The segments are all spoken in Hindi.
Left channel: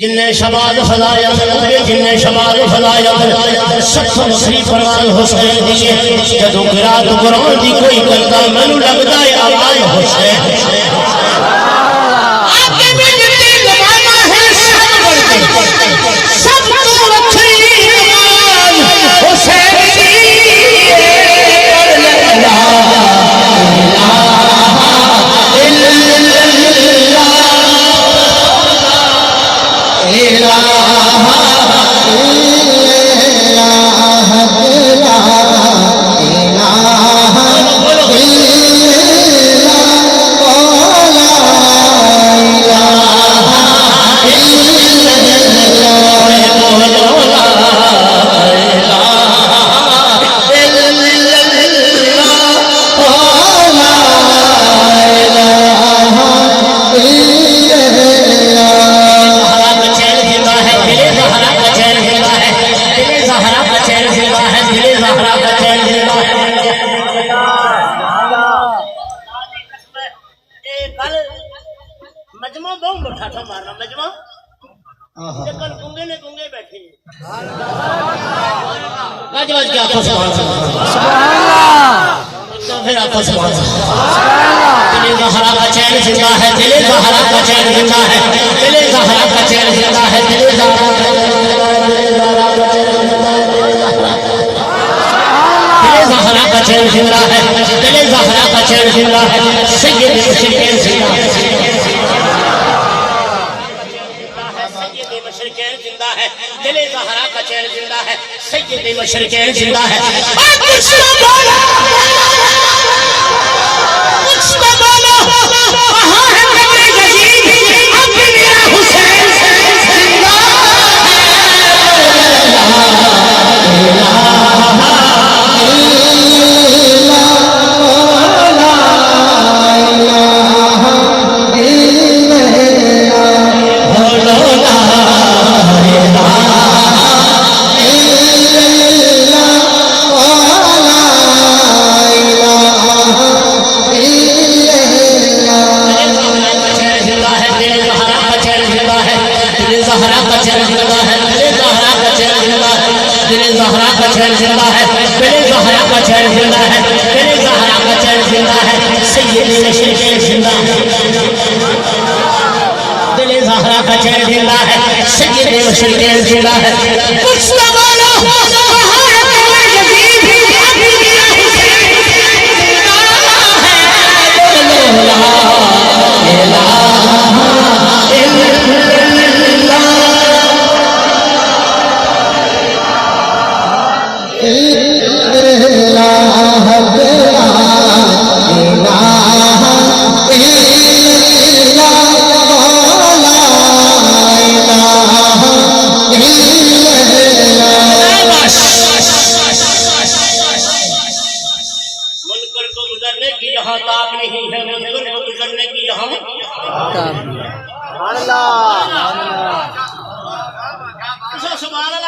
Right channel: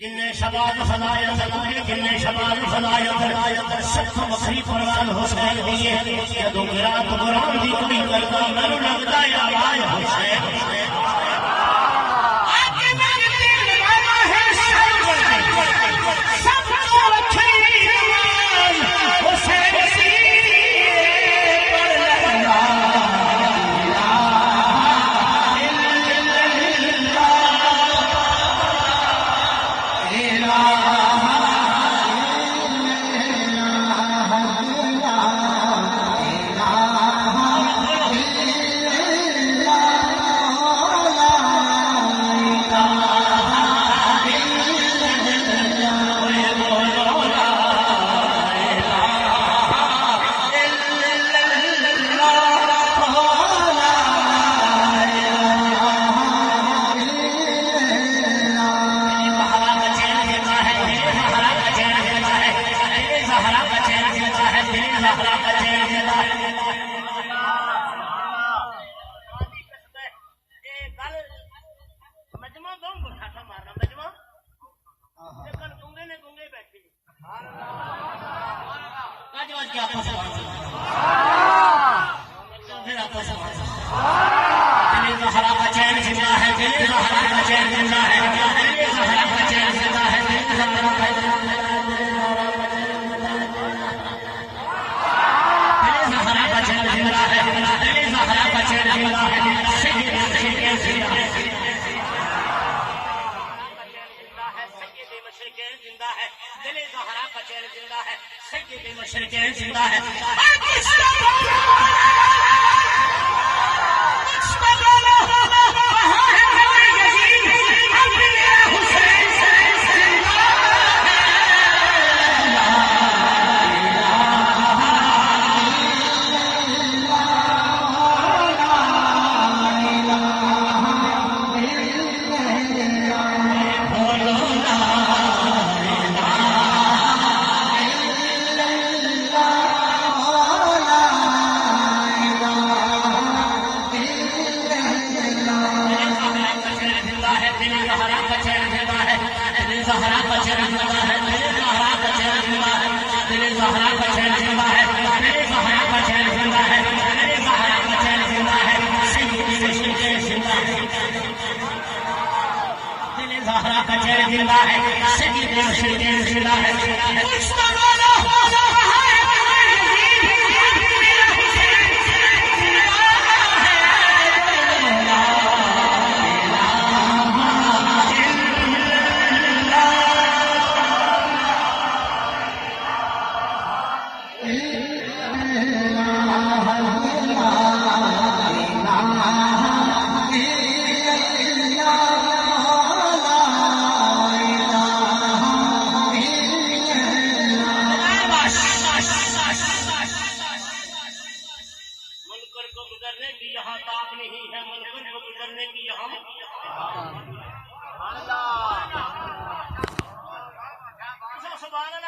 जिन्ने शबाद फलाया जिन्ने शबाद फलाया सत्सों बखरी परवाज हुसैन दिए जदों गिरात कुरान दी कोई करदा मैनू लगदा है आवाज हुसैन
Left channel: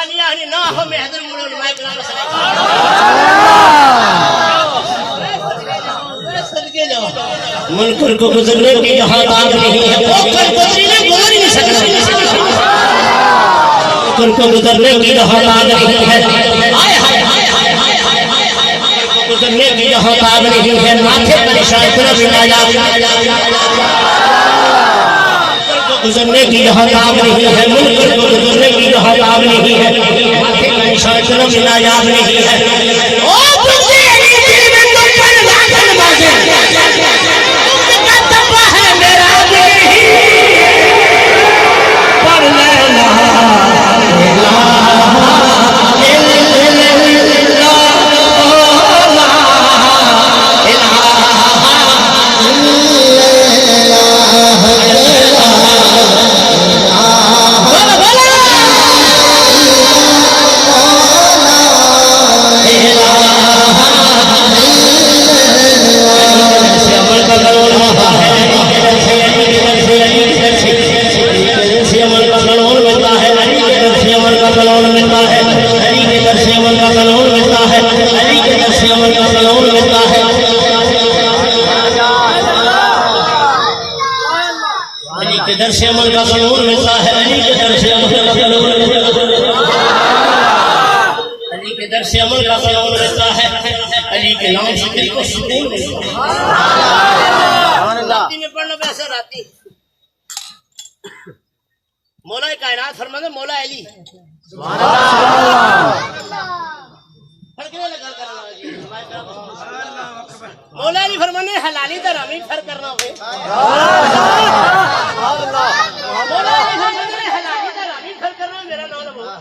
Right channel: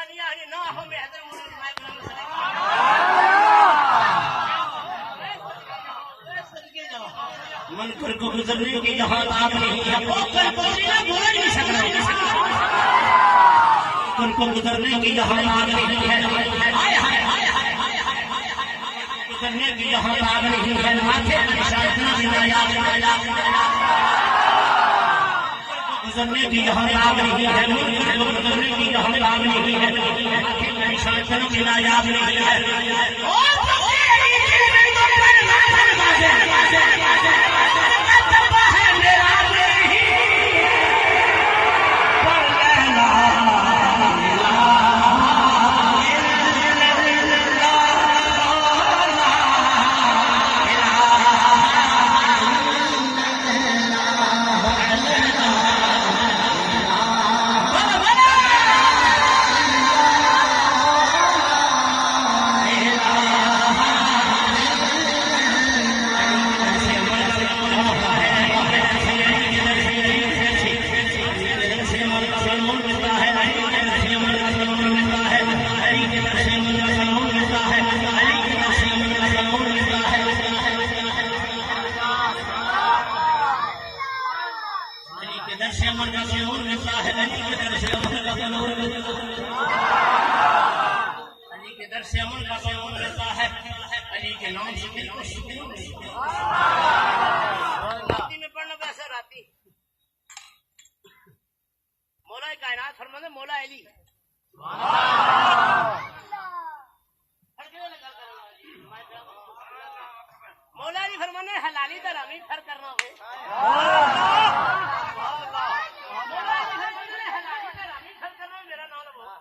कुर्बानियां ना हो मैं हजर मुड़ो मैं करा सदके जाओ मुनकर को गुजरने की जहां ताब नहीं है मुनकर गुजरी ने गुजर ही नहीं सकता मुनकर को गुजरने की जहां ताब नहीं है हाय हाय हाय हाय गुजरने की जहां ताब नहीं है माथे पर निशान तरफ मिलाया गुजरने की जहां ताब नहीं है मुनकर को गुजरने की जहां ताब नहीं है माथे पर निशान तरफ मिलाया नहीं है ओ तुझे अली दिल में तो पर वादन बाजे तुझका तबा है मेरा नहीं पर लैला दर से अमल का कलोन मिलता है अली के दर से अमल का कलोन अली के दर से अमल का कलोन मिलता है अली के नाम से दिल को सुकून मिलता है राती में पढ़ना पैसा राती मौला कायनात फरमाते मौला अली मौला अली फरमाने हलाली तो हरामी फर्क करना हो मौला अली फरमाने हलाली तो हरामी फर्क करना मेरा नाम लो मौला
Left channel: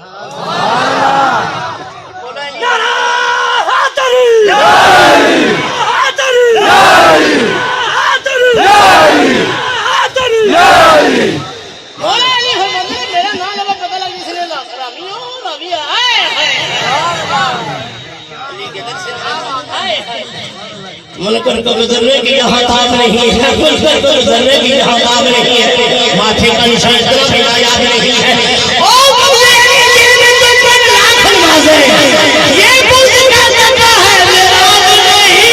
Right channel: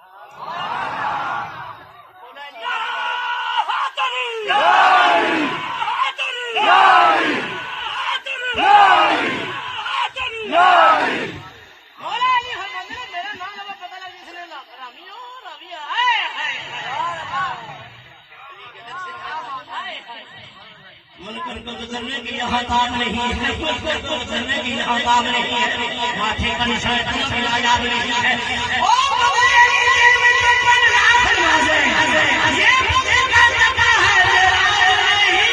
अली मौला अली फरमाने मेरा नाम लो पता लग जिसने हरामी हो रवि आए अली के दर से आए मुनकर को गुजरने की यहाँ ताब नहीं है मुनकर को गुजरने की यहाँ ताब नहीं है माथे का निशान तरफ मिलाया नहीं है ओ मौला अली दिल में तुम पर लाख नवाज़े ये बुज़ का तबा है मेरा नहीं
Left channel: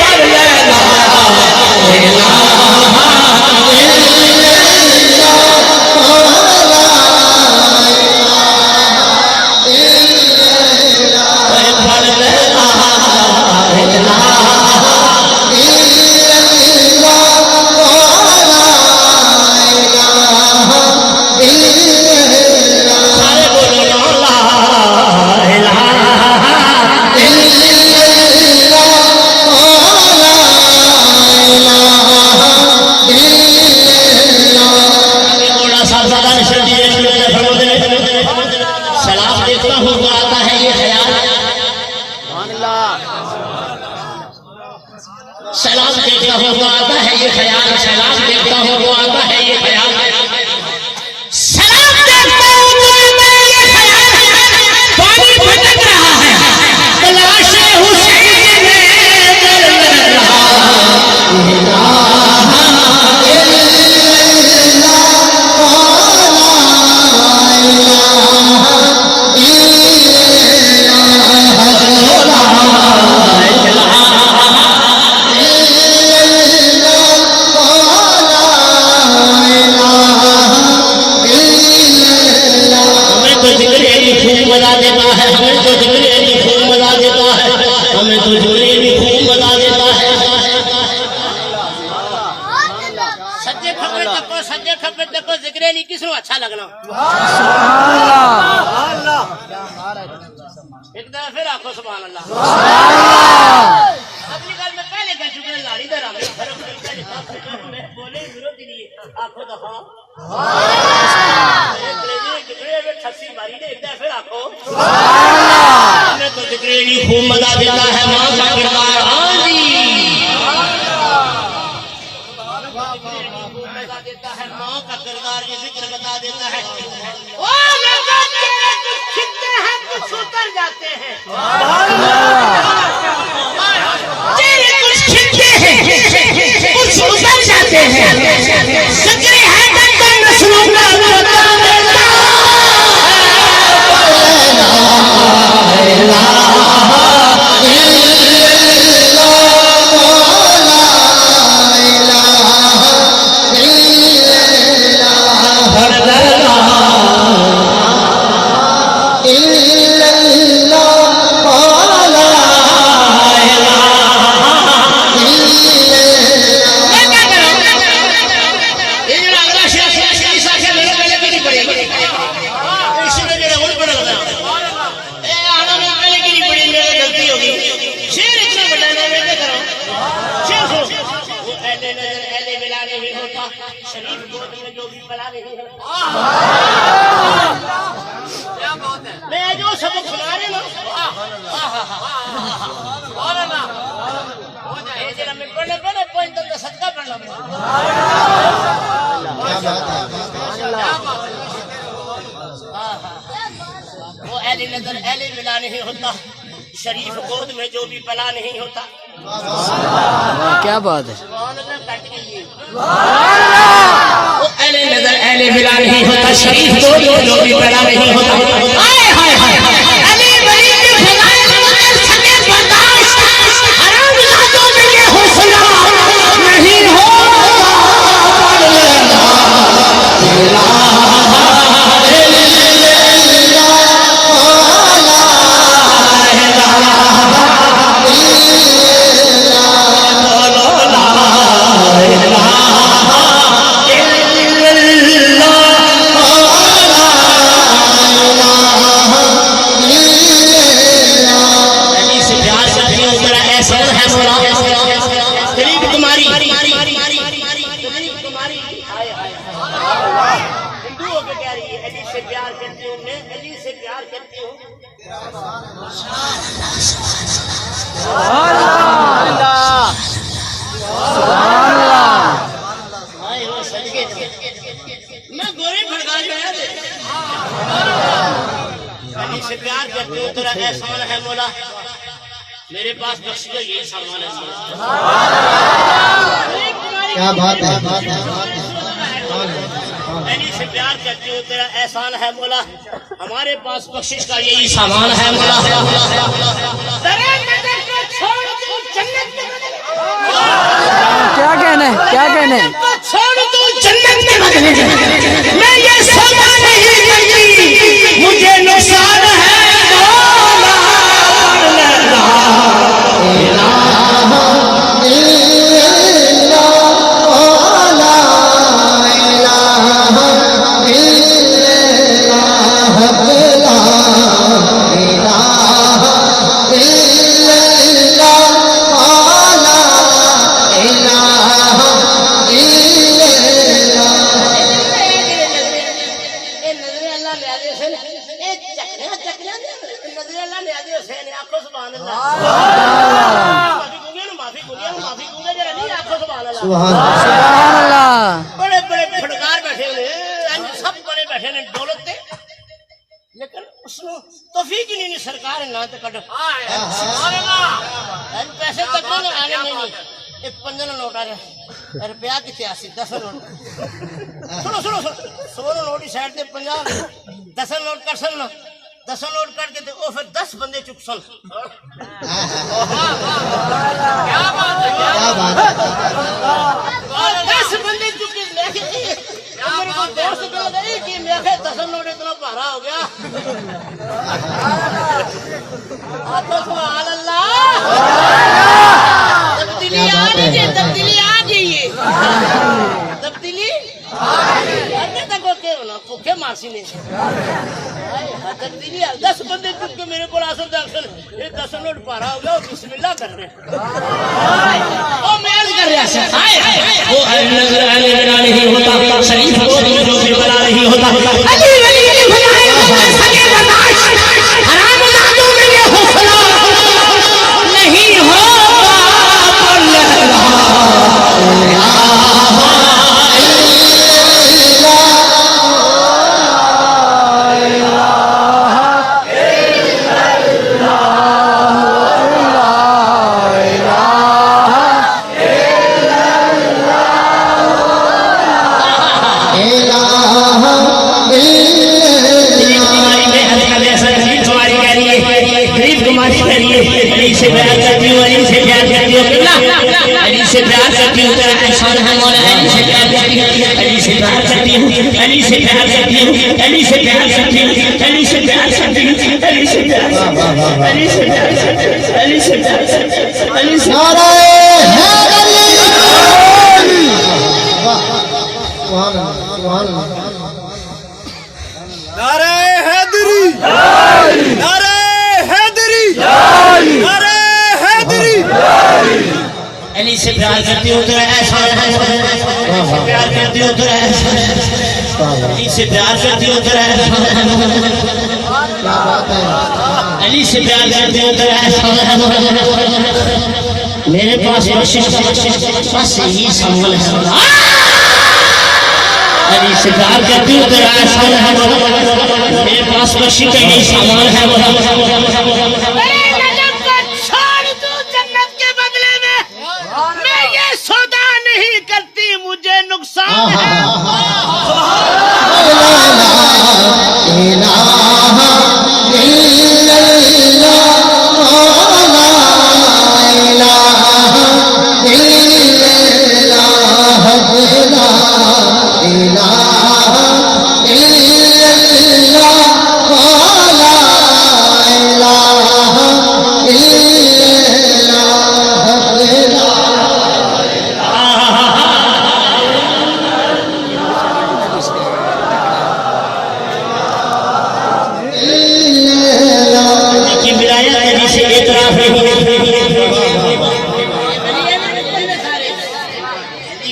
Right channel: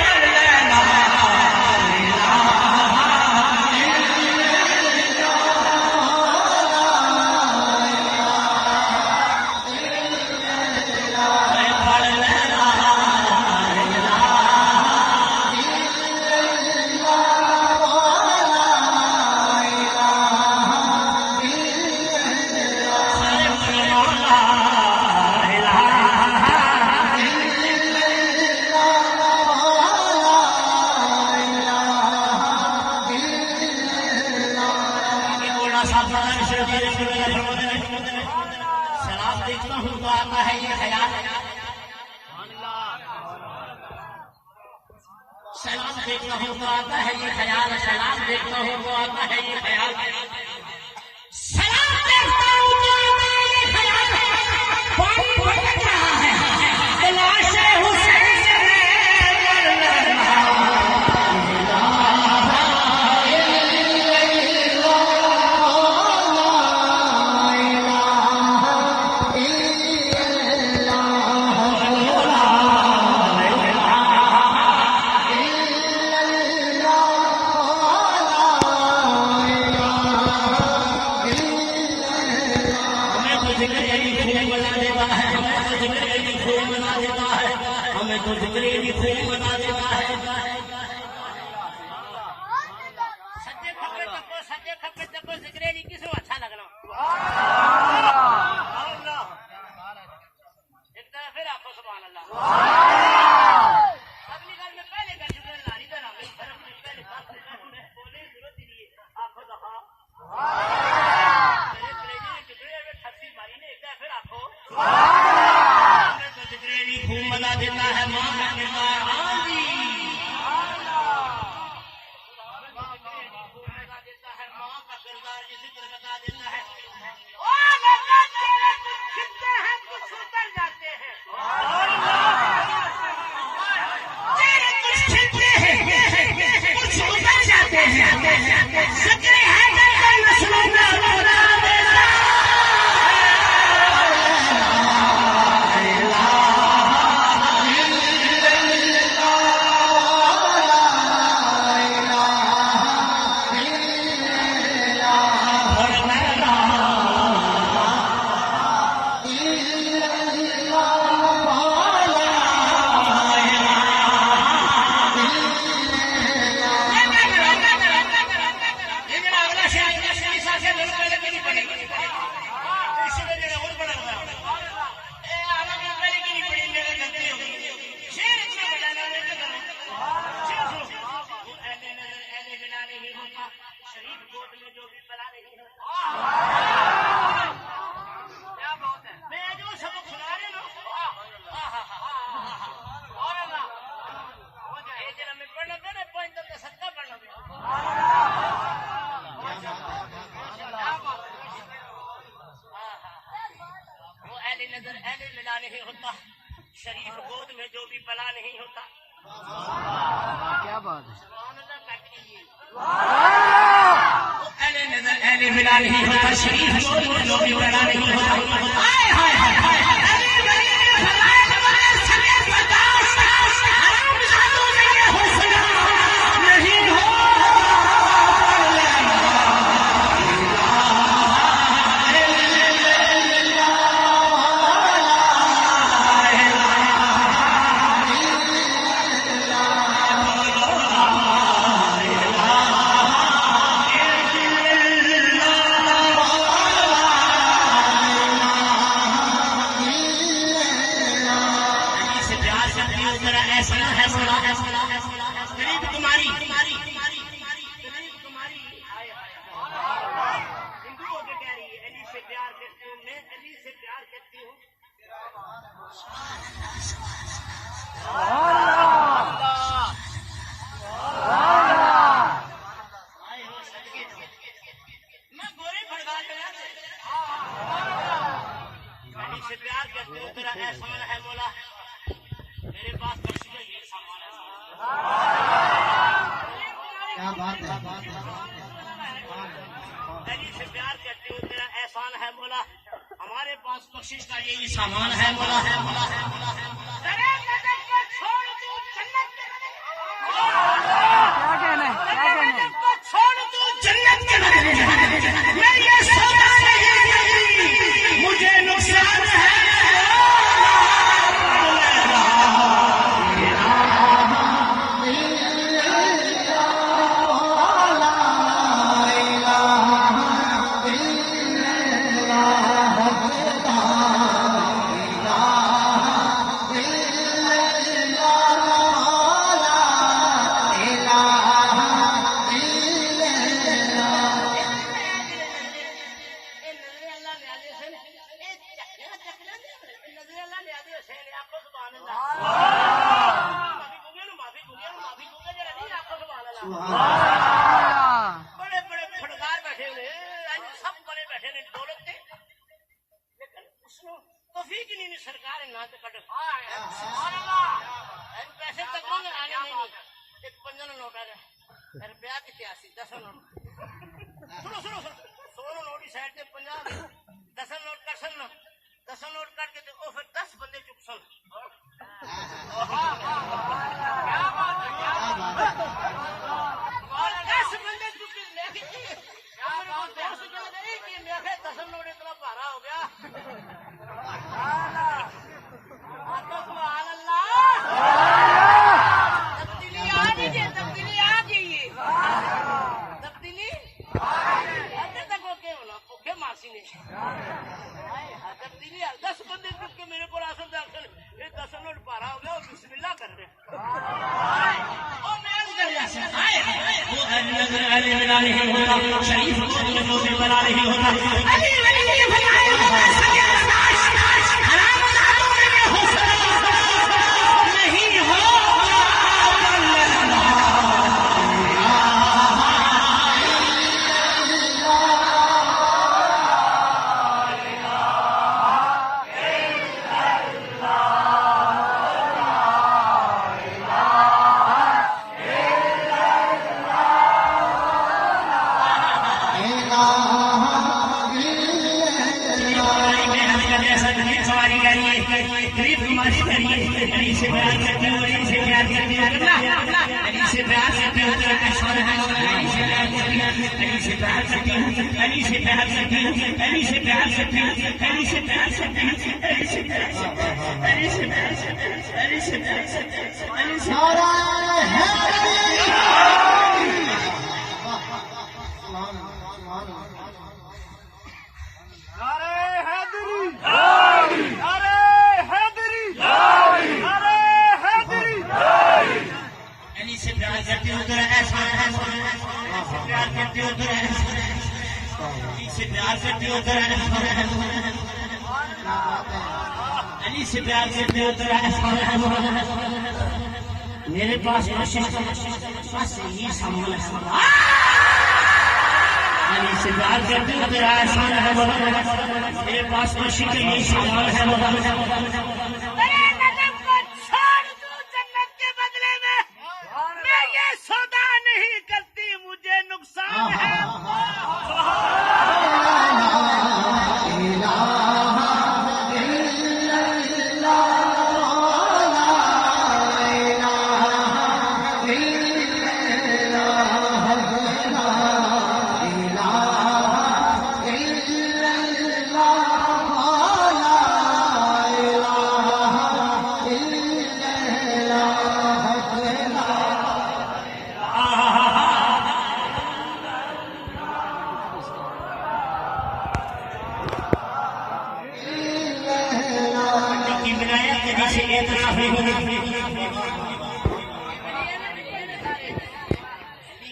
पर लैला लैला सलाम देखता हूँ वो आता है ये ख्याल सलाम देखता हूँ वो आता है ये ख्याल सलाम देखता हूँ वो आता है ये ख्याल पानी भटक रहा है तलाश हुसैन में कर रहा किसको अच्छा लगना एक दफा फिर आखो सुभान अल्लाह अगली गल में पहले कह चुके लाड़ी दे राम बोले विरोधी नहीं आखो तो हां ठसी मारी ने एक दफा फिर आखो मैं तो जिक्रेली खूब मजा देता है मां का किरदार हां जी देता है माँ का किरदार ये जिक्र बता देता है ओ लगा तेरे कुछ खिलते हैं कुछ उतर जाते हैं तेरे कुछ खिलते हैं कुछ उतर जाते हैं जिक्र है दंदन नस्लों का बता देता बला नहीं है। मैं जो सबक सुना रहे ना मैं पढ़ने पढ़ने पॉइंट तक सदका पढ़ना वो अहले नजर अहले मिला नहीं होता, शरीफ गोद में जो भी पला नहीं होता। क्या बात है। वो अहले नजर अहले मिला नहीं होता, शरीफ गोद में जो भी पला नहीं होता। मैं गोरी भड़का गया से प्यार करती हूँ, तेरा एहसान है मौला, मेरे पास बख्श का यही सामान है। क्या बात है। अली से प्यार करती हूँ, तेरा एहसान है मौला, हमारे पास बख्शिश का यही सामान है मौला। क्या कहना है, क्या कहना है। छोड़ तू जन्नत के बदले मैं ये सौदा नहीं करती, मुझे नुकसान है। बड़े बड़े फटकार बैठे हुए सब बड़े बैठे ने दौलत ते, लेकिन उसने तौफीक ही नहीं सरकार ना तो कट पैसे तक आने नहीं। एक 15 नोट आ रहा रुपया कितने 10 नोट सुनो सुनो 16 नोट की साइड से 50 10 नोट कर सन 10 नोट करके तो फिर 10 बंदे चुप सन। क्या बात है, क्या बात है। 10 बंदे चुके मेरे को दोस्त कह गई कि मैं 10 नोट इतना भारा हो गया। सुभान अल्लाह, तब्दीली आ गई है, तब्दीली आ गई है, तब्दीली अरे तक के होना भूखे मासी ने तब्दीली 10 बंदे चुप के मेरे को आसन दर्शन ये 10 नोट पारा हो गया। बिस्मिल्लाह कर रहे ओ मेल कर रहा है। वो नजर आने वाला नहीं होता, शरीफ को जो भी बना नहीं होता। अली वली की भलाई सके बर्दाश्त, हराम जादू में ये हौसला नहीं होगा। अली से प्यार करती हूँ तो ऐसा प्यार करती हूँ तो ऐसा अली से प्यार करती हो तो अली से प्यार करते हो तो मेरे पास बस यही संबल है। अली से प्यार करती हो तो मेरे पास बस यही सामान है। मेरे नजम को छोड़ दूं जन्नत के बदले में, मैं ये सौदा नहीं करती, मुझे नुकसान है।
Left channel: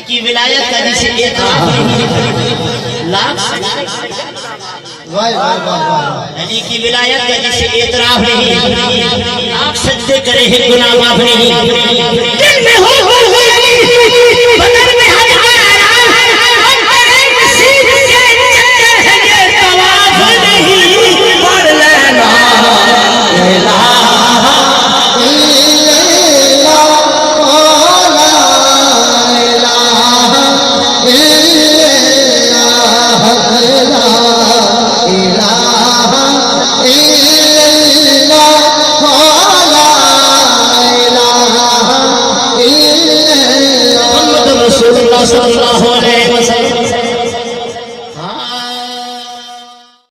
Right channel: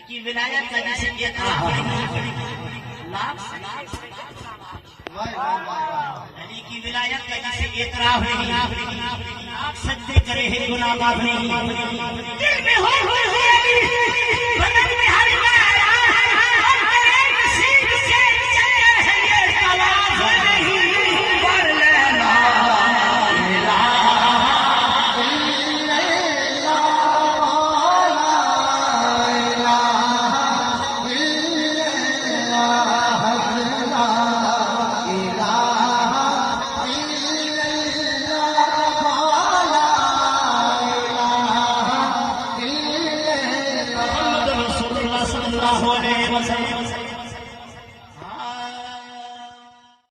की विलायत का जिसे अली की विलायत का जिसे एतराफ नहीं, लाख सजदे करे हैं गुनाह माफ नहीं।